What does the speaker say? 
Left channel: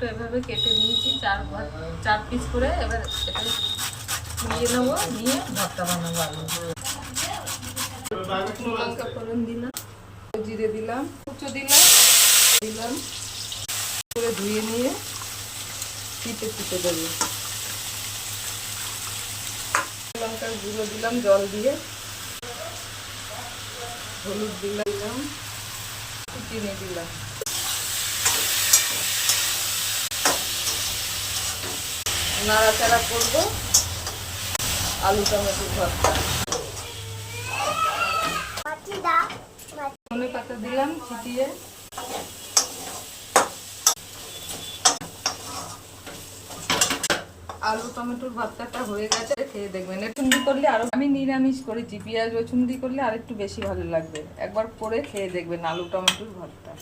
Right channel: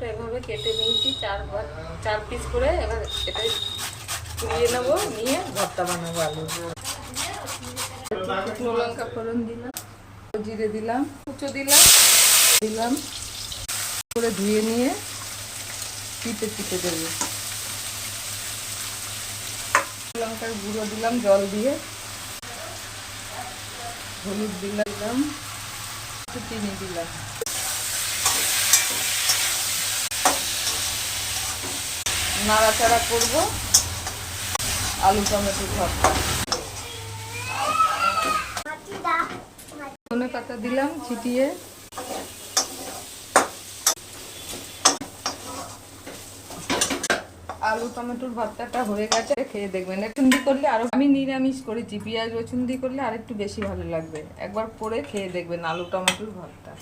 আলুটা এভাবে কেটে নিয়েছি চার পিস করে। এবার এটা নিয়ে নেবো, নিয়ে ভর্তা বানাবো আলু। শুকনো লঙ্কা ফোড়ন দিলাম, জিরে দিলাম, কুচো দিলাম করে ধুয়ে নিয়ে চিপে দেবো। লঙ্কার গুঁড়ো দিলাম জল দিয়ে, হলুদ দিলাম, চিনি দিলাম, নাড়াচাড়া করবো। আলু টমেটো ভর্তা, ধনে পাতা দিলাম ছিটিয়ে। আলু টমেটোর ভর্তাটা হয়ে গেছে, খেয়ে দেখবেন। চুন্দি করলে আরো, আমি নিরামিষ করেছি, পেঁয়াজ রসুন দিয়ে করলে আরেকটু বেশি ভালো লাগবে। একবার করে খেয়ে দেখবেন আলু টমেটোর ভর্তা।